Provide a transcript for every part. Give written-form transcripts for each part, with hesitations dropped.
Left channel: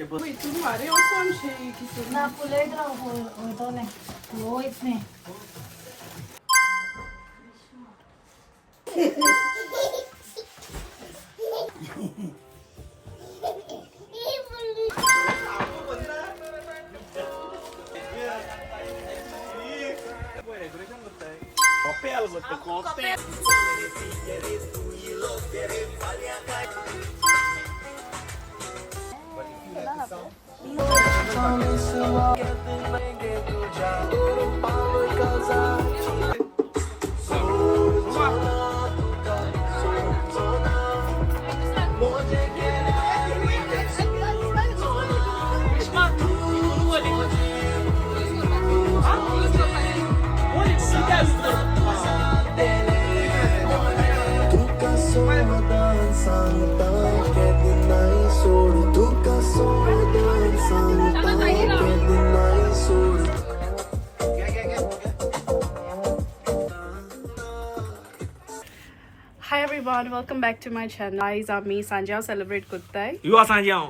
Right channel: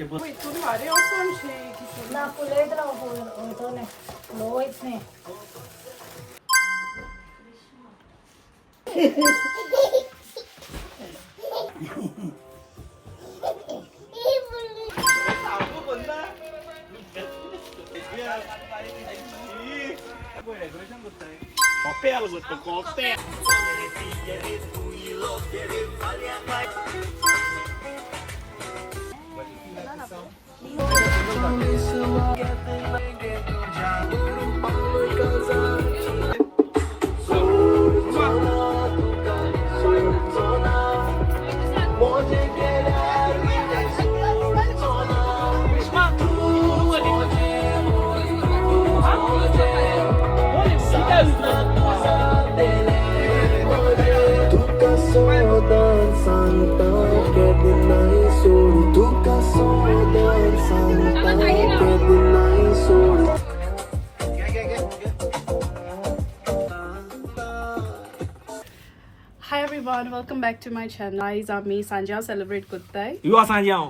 इथून वारे वचून शे किसून ना फुलयत राव वयतले लो वयत न्ही Copé algo, copé. Hi everyone, welcome back to my channel. Guys, आम्ही सांजाव सेलिब्रेट करताय. You are Sanjao.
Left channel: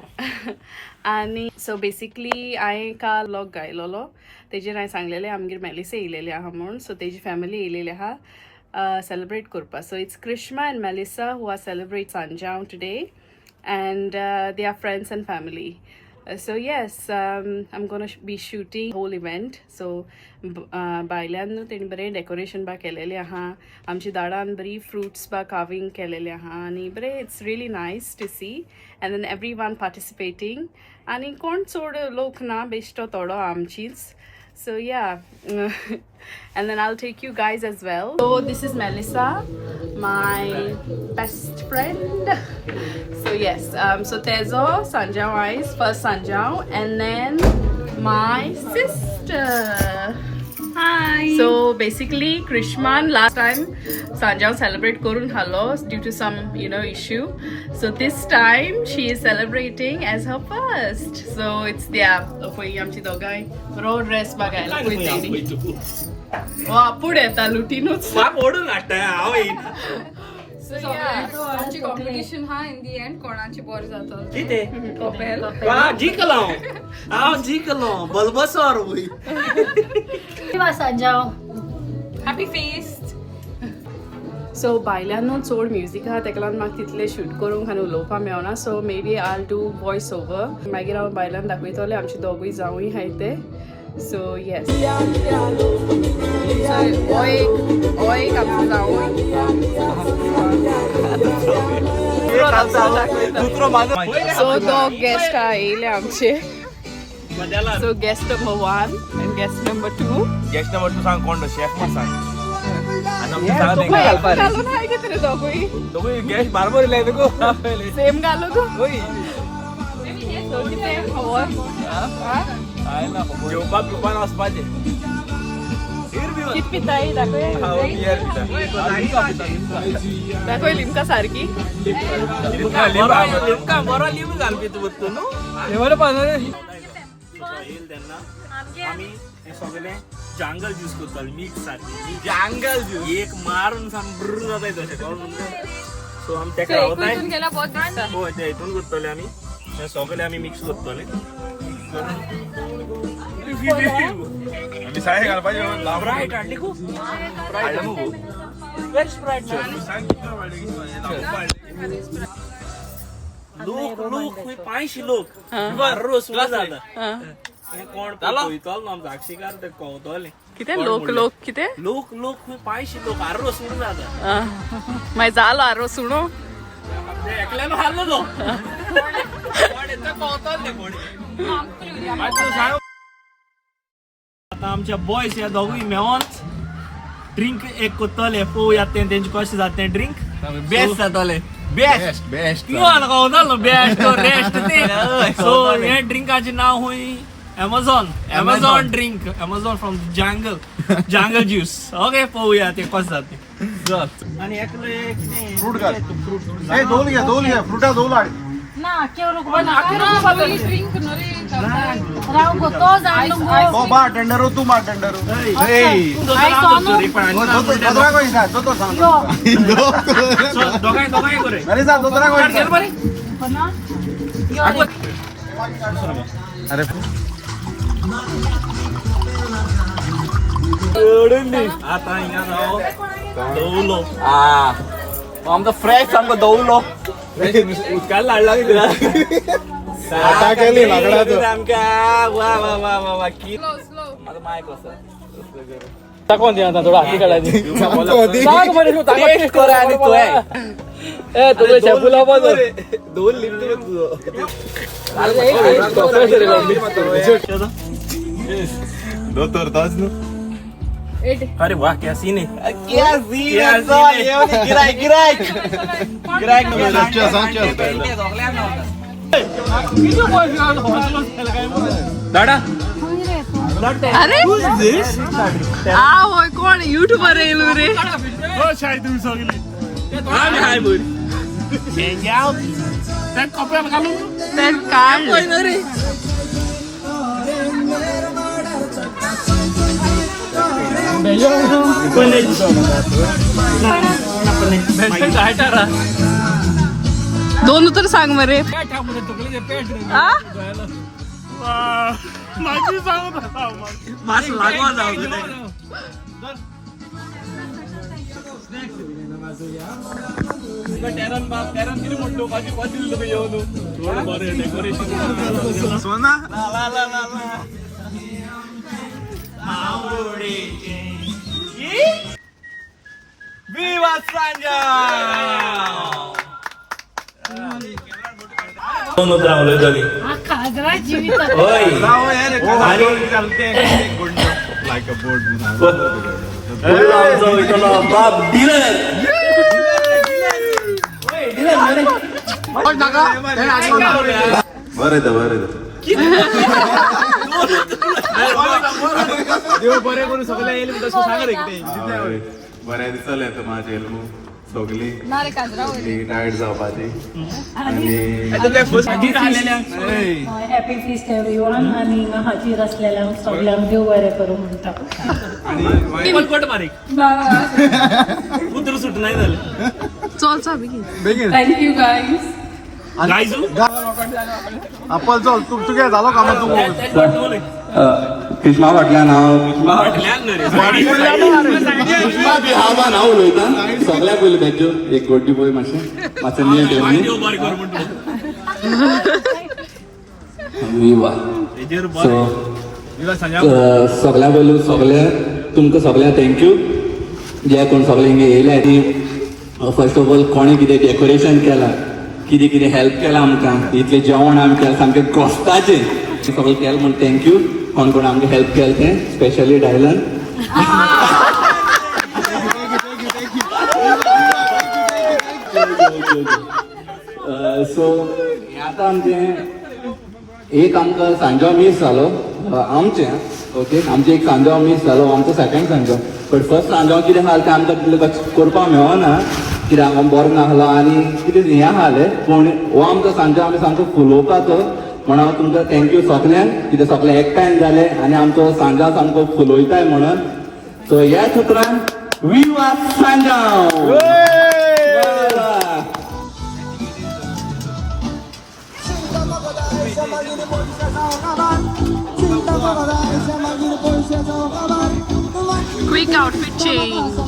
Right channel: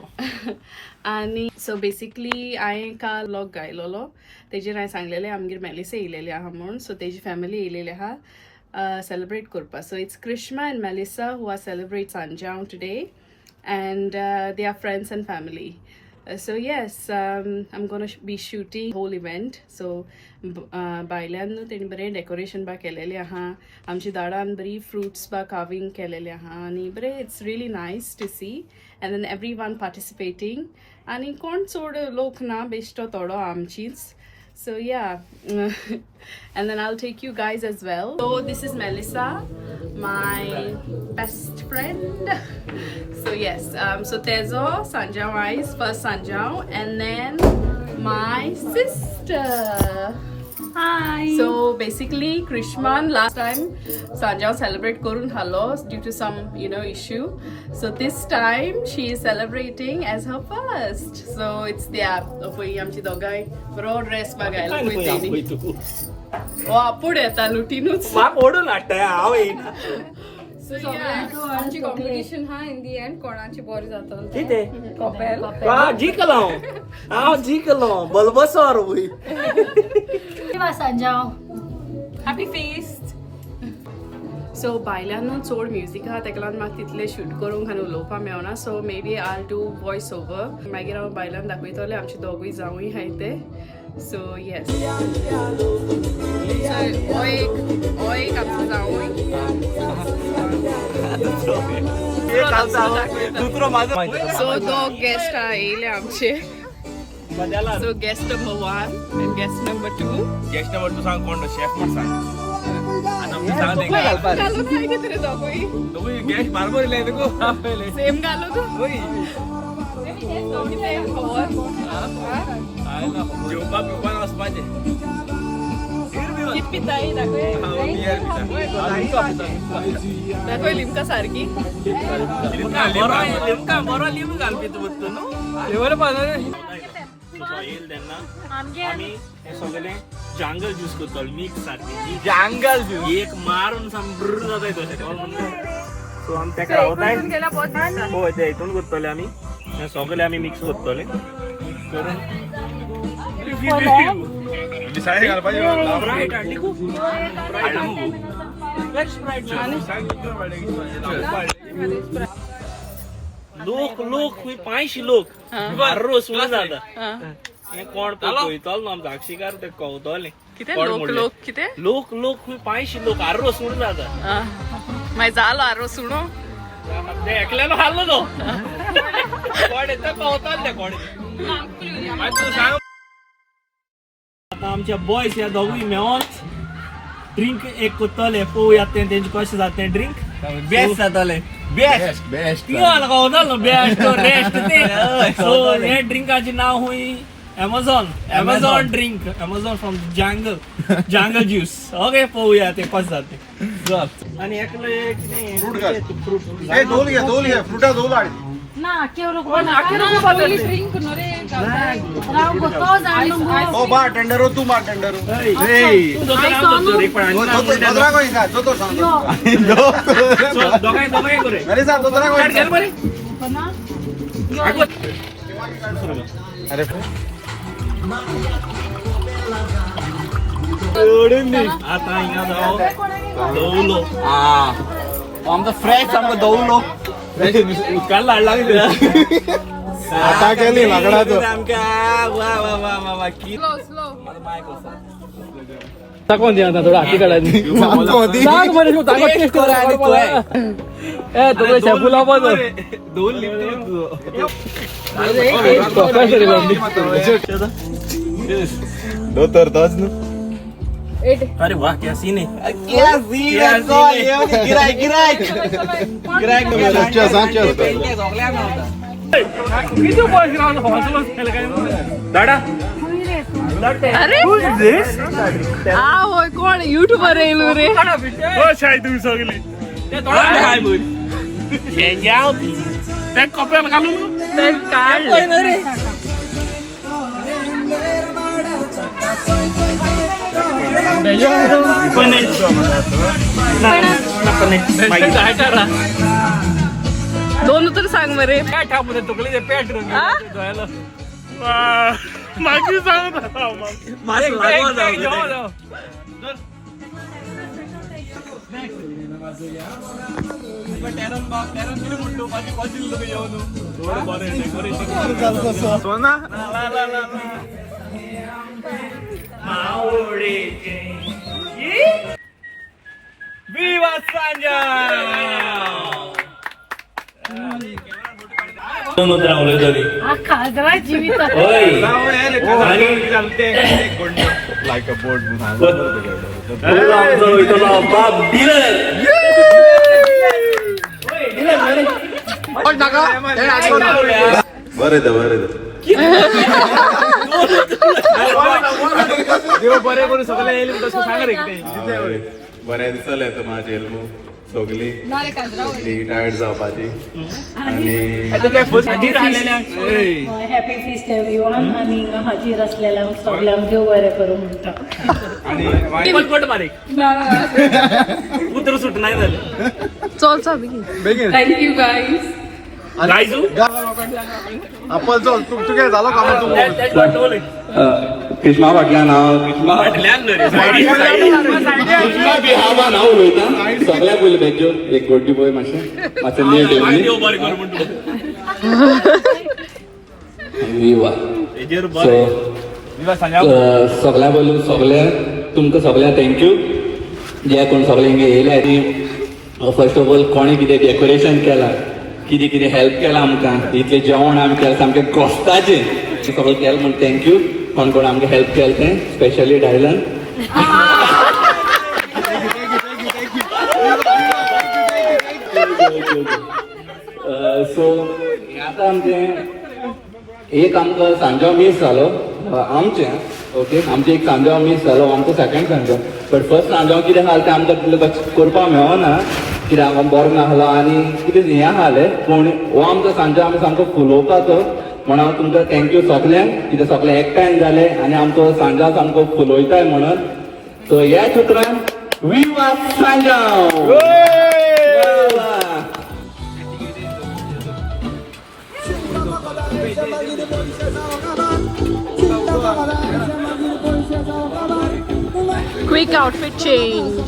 आणि सो बेसिकली हांवें काल व्लॉग गायलोलो तेजेर हांवें सांगलेलें आमगेर मेलिसा येयलेली आहा म्हणून सो तेजी फॅमिली येयलेली आहा सेलिब्रेट करपा so it's Karishma and Melissa who are celebrate सांजाव today and they are friends and family so yes I'm gonna be shooting whole event so बायल्यान तेणी बरें डेकोरेशन बा केलेलें आहा आमची दाडान बरी फ्रुट्स बा कार्विंग केलेलें आहा आनी बरें it's really nice to see and then everyone participating आनी कोण चड लोक ना बेश्टो थोडो आमचीच so yeah and then I'll take you guys as well. So this is Melissa, my best friend. So yes, so Tezo, Sanjao eyes, first Sanjao, and then my sister. Hi. So basically Krishman last time Sanjao celebrate korun hallo due to some issue. So this time she is celebrating as her first. So it's there for amchi dogai ro dress bagaila kuiteni. वा पुढे येता लुटीनूच बाप ओढून हाडटा हांव येयना. आमची competition हा इन दी एंड कोणाची बोर जाता कितें? कपेल जिखलो हांव जिखलो बलबसोर वय. किंवा सांजाव हॅपी फेस्ट. सो बायल्यांनू चड म्युजीक आहा तेका लागून म्हाका तितलें शूट करूंक आनी उलोवपा मेळना so maybe I do voice over मागीर हांव बायलांक दाखयतलें आमचे दोगूय जावूय हाय ते सो येस हो एक आमचो जावूय दुसरो माझो. सो दोग गेस्ट येयले आमचे so guest number 1 end guest number 2 guest number 2 सांग कोण शेफ मग सांग आणि आमचे सांग तेंका दोघी गेस्ट बारबर इले तुको सेम घालो तू होय काय ना जेवपा पिवपा वचपाचें. कित पिताय दाखय हांव बियर पिता. लिमका पिता लिमका. दाखय लिमका सारकी लिमका बरो लिंबू घाल पिता वत्तू न्हू. फ्लेवर पावना सो येईल तेन्ना आमी हे सगळे जंगल ज्यूस करतले मिक्स सारकी जंगल ज्यूस एक मारून संब्र जाताय तशें म्हणून सो आमी तेका रावताय होय ते हितून करतले आमी हे सगळे आमी मिक्स करतले करून मिसाळी घालपाची लोक लोक 500 लोक बारो सुरू जाता. हे कोण पळयतलो न्हू आमचो साक्षीकार ते कवतले कितें लोक कितें लोक लोक 500 लोक आरो सुरू जाता. मागीर जालो आरो सुणू ते एकल्यानो हारलो तो कोण येता कवतले ते कोण आता आमच्या बॉयज या दोघूय मेळोन ड्रिंक एक करतले पळोवया तेंचे कशें जाता ड्रिंक बेस्ट जातले बेस्ट बेस्ट कवतलो बेस्ट रेस्ट ते सो हे ड्रिंकाचें नांव हुंय Amazon drink from jungle juice. Okay, पळोवया ते कशें जाता. आणि एकले फ्रूट नाही दोल घ्या फ्रुटा दोल हाड ना ड्रिंक नरे राव गोतो जाणलो ओ बा टेंडर तू मा टेंडर नाही तो तो सांग दोघाय करे अरे सा दोतरा घे बरे अरे आता हिंगा जाओ दवलो आमचा फ्रेश आमका दवलो उदकान लाडला तुला आता केली लाकडाचं आमका वा वा वा वा वा की Slow, slow. माझा माय कसं टाकून दे आता थोडा हाती काढायची सांगतो होती. टेस्ट करा आणि तो आहे ए तुला शॅम्पू लाव दोन लिफ्ट तुझं दो तर तोच ना अरे वाह क्या सीन है क्या सीन है गिराय गिराय गिराय किती पैसे हॉस्टेल केलं काय दाडा होय कोण युट्यूबर येलो रे हो शाळेत तुम्ही सगळे त्या कपड्याला घालून तर काढ दोन उतर सांग मरे काय ठाकून तुकले ते पेट मागे सांगत होता मास लागवा जाऊ सोना विवा सांजा हा खाजरा जीवित लाईक अ बोर्ड बरे बरे दिसले तो माझे सगळी टायर्ड जावपाची आणि हॅपी फीस्ट एव्हरीवन आणि हाजीर असलेल्या सगळ्यांक देव बरें करून म्हणटा पटपट बारीक उतर सुट नाही झालं चल चा बेगीन Thank you guys. गायजू आपण चल तू काय झालं का मग तू कृष्णा फाटल्यान हांव कृष्णा बी हांव बान हांव उलयतां सगळ्याक पयलीं भेजो एक गोटी पळय मातशें नीट विवा सगळ्या पयलू सगळ्या तुमकां सगळ्या थँक्यू जे कोण सगळे हिंगा येयले ती फर्स्ट ऑफ ऑल कोणी कितें डेकोरेशन केलां कितें कितें हेल्प केलां आमकां इतलें जेवण आमी केलां सामकें कॉस्टाचें सगळें केलें म्हूण थँक्यू कोण कोण आमकां हेल्प केलें तें स्पेशली डायलन सो आतां आमचें एक आमकां सांजो मिस जालो आमचें ओके आमचें एक सांजो मिस जालो आमचो सेकंड सांजो बट फर्स्ट सांजो कितें जालें तें आमकां तितलें करपाक मेळना कित्याक आमकां बरो नासलो आनी कितें हें आसलें पूण हो आमचो सांजो आमी सामको फुलोवपाचो म्हणून हांव तुमकां थँक्यू सगल्यांक कितें सगळें एकठांय जालें आनी आमचो सांजो सामको फुलोयताय म्हणून सो ह्या सुत्रान वी आर सांजो Quick outfit change.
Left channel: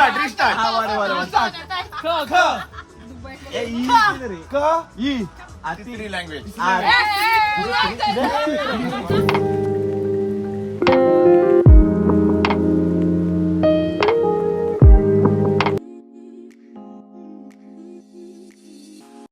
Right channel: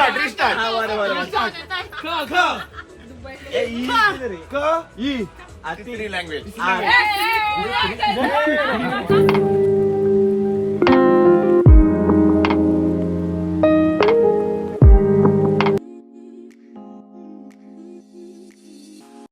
रिस्टार्ट